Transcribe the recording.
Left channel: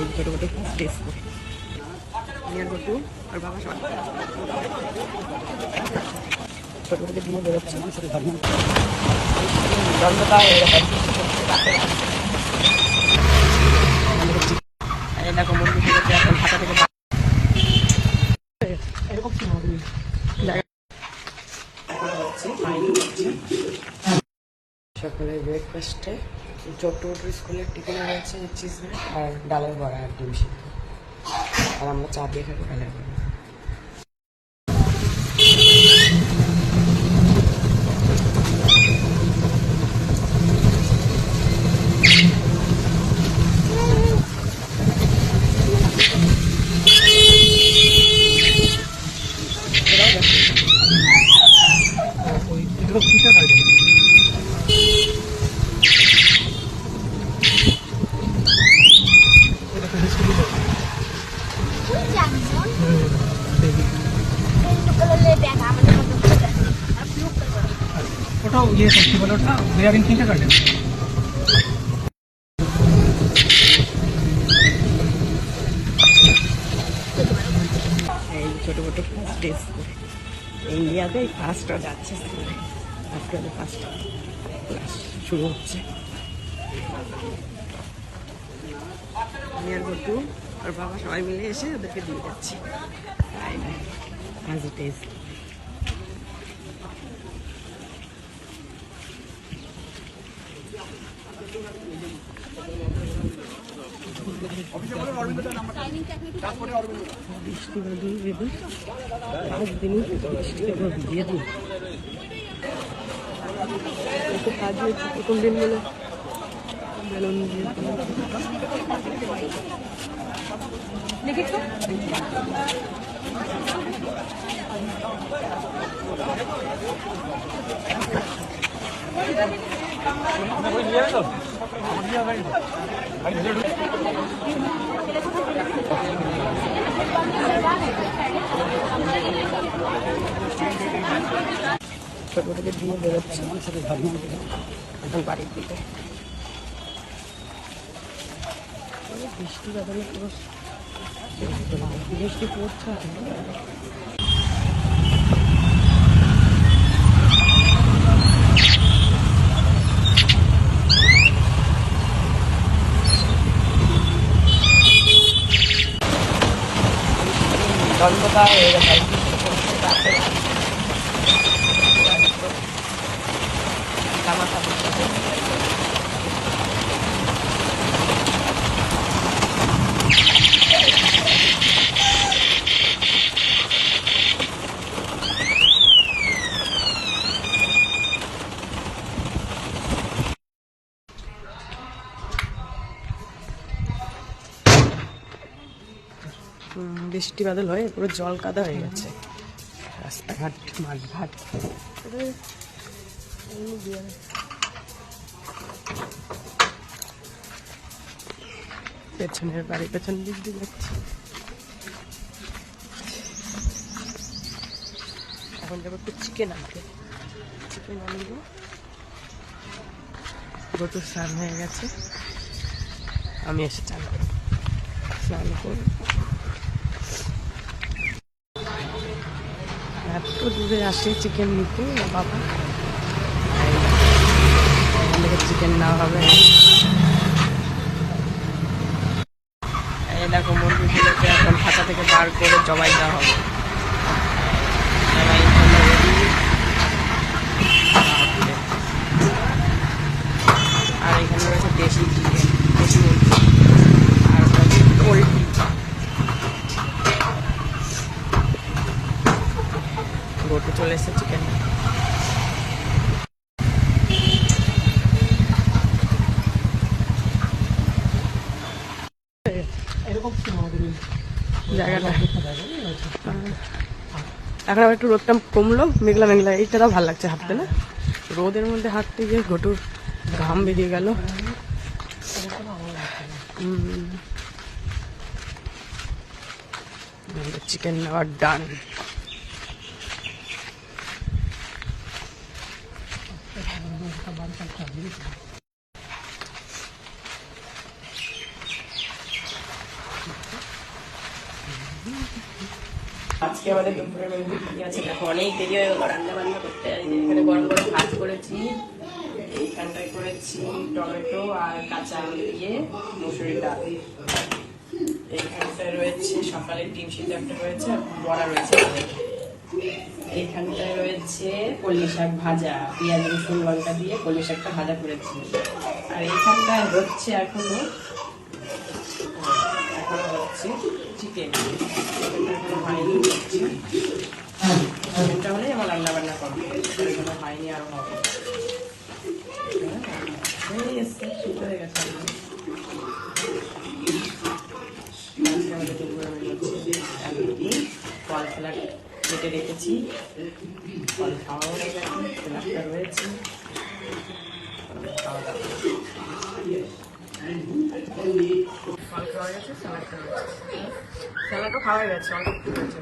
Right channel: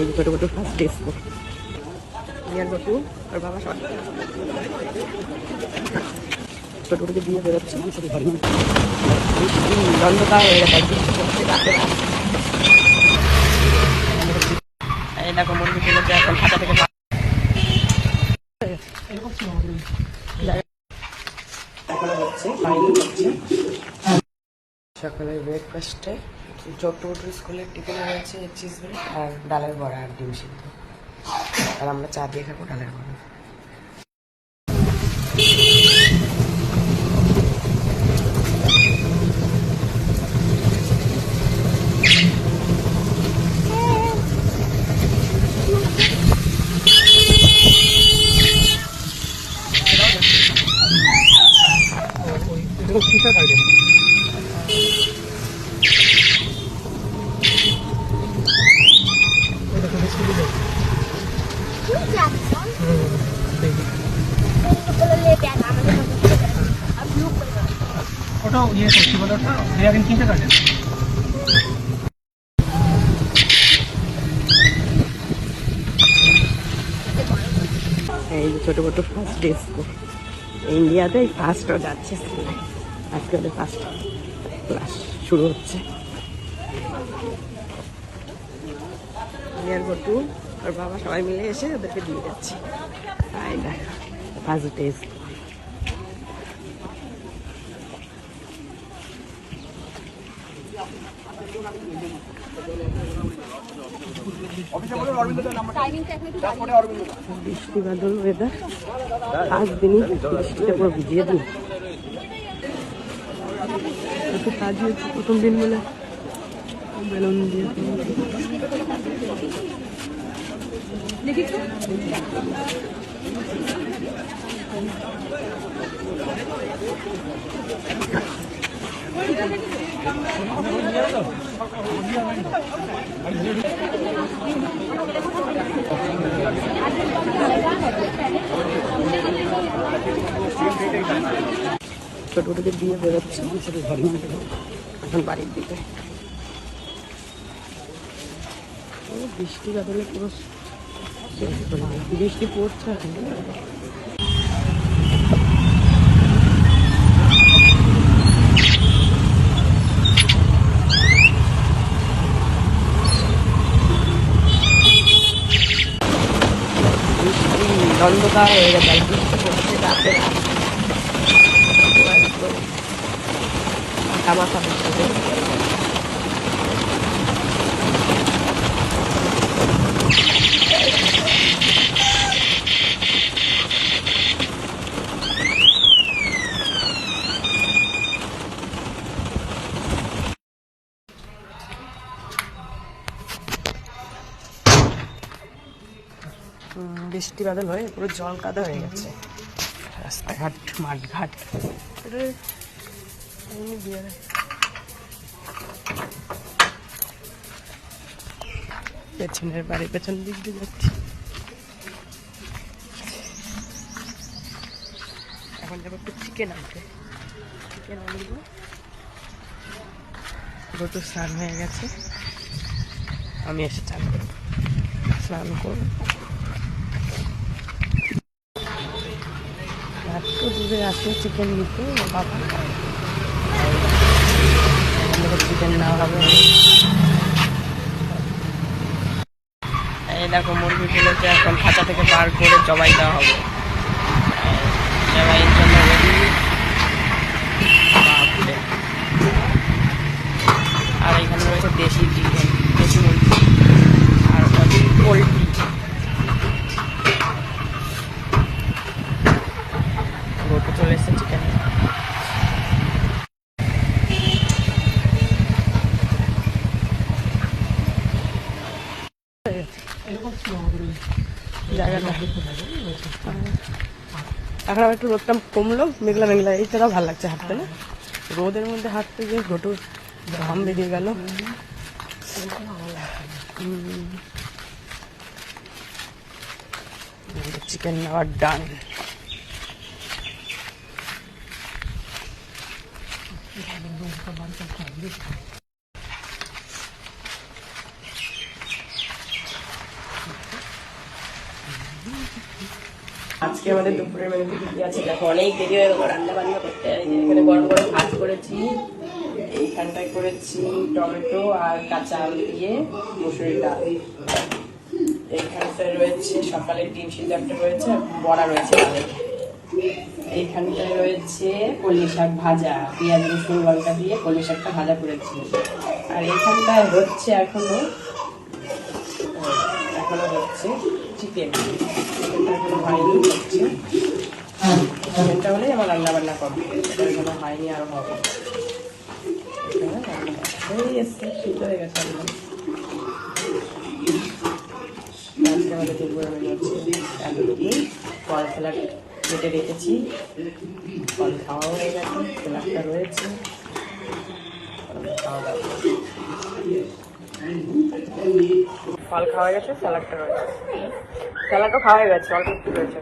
এই ছোটো ছোটো ফার্স্ট ডে স্কুল নিয়ার গটু আর বাবা সবাই ছোটো ছোটো দিয়ে বেরোচ্ছে এই দেখো মুরগি ফেলেছে এখন খাতা থেকে সকালে ব্রেকফাস্টে ছোট্ট স্কুলের টিফিনে রয়েছে চিজ ব্রেড আর ডালের বড়া আর ডিম সিদ্ধ আর আমরা চা দিয়ে খাবো ডালের বড়া ওটাও দিয়ে করতে পারো ওটা বিয়ারিং কিনতে কাটে এই ছোটো ছোটো ফার্স্ট ডে স্কুল ইন্ডিয়াতে ফার্স্টও যাচ্ছে আজকে ফার্স্ট ক্লাস শুরু হচ্ছে নিয়ার গটু আর বাবা সবাই মিলে এসে ওদেরকে দিয়ে যাচ্ছে ফার্স্ট ডে বৃষ্টি বাদল ওয়েদার 5 দিনই বৃষ্টিটা পুরো ভিজিয়ে দিই ছোটো থেকে দিয়ে বেরোচ্ছে সাথে ঘর বাড়ির দিকে বৃষ্টি বাদলে পুরো বৃষ্টি পড়ছে বৃষ্টি বাদল হয়ে পুরো জল কাদা হয়ে গেছে রাস্তাঘাট মাঠঘাট পেছনের বাড়ি পেছন দিক দিয়ে যাচ্ছি এখন যাবো একটু চিকেন আনতে চিকেন আনবো গত স্নান হয়ে গেছে আমি এসে স্নান করবো এত দূরে আসে চিকেন নিতে বাবা চিকেন নেওয়া হবে এই দেখো মুরগি ফেলেছে এখন খাঁচা থেকে বার করে জবাই দেওয়া হবে জবাইয়ের জন্য রেডি আর এখানে রয়েছে দেশি চিকেন দেশি মুরগি আর পোলট্রি গোটে চলে এসেছে চিকেন জায়গাটা এখন আবার একটু রোদটা কমলো মেঘলা মেঘলা এই ছাড়াও ভালো লাগছে হাঁটতে না রোদের মধ্যে হাঁটতে গিয়ে ঘটু ঘাম বেরিয়ে গেল চিকেন নেওয়ার ডান আমাদের দুপুরে মেনু ঠিক আছে। দেখো অনেক দেরি হয়ে গেল রান্না বান্না করতে। এখানে গরম গরম ভাত করেছি, এইখানটায় করেছি টমেটো আর কাঁচা আলু দিয়ে মুসুরির ডাল। এইখানটায় রয়েছে সকালের ডিম সিদ্ধ একটা রয়েছে, বড়া রয়েছে ডালের। এইখানটায় রয়েছে কলমি শাক ভাজা, পেঁয়াজ রসুন লঙ্কা দিয়ে কলমি শাকটা ভাজা করেছি। আর এইখানটায় হচ্ছে এখনো হচ্ছে চিকেন, চিকেনটা এখনো হয়নি, হচ্ছে চিকেনটা হলেই আমার রান্না বান্না করবে, সেটা এখনো হয়নি, আরো হবে। হয়ে গেছে, সিদ্ধ হয়ে গেছে একদম। আজকে আমাদের দুপুরে মেনু হচ্ছে এতটুকুই। ফল ফেলা কেটে রেখেছি, ফল খাওয়া হয়ে গেছে, ফেলাটা রয়েছে, খাওয়া দাওয়া। ফল খাওয়া গেছে, স্যালাডটা রয়েছে, স্যালাডও খাওয়া গেছে, অল্প একটু রয়েছে।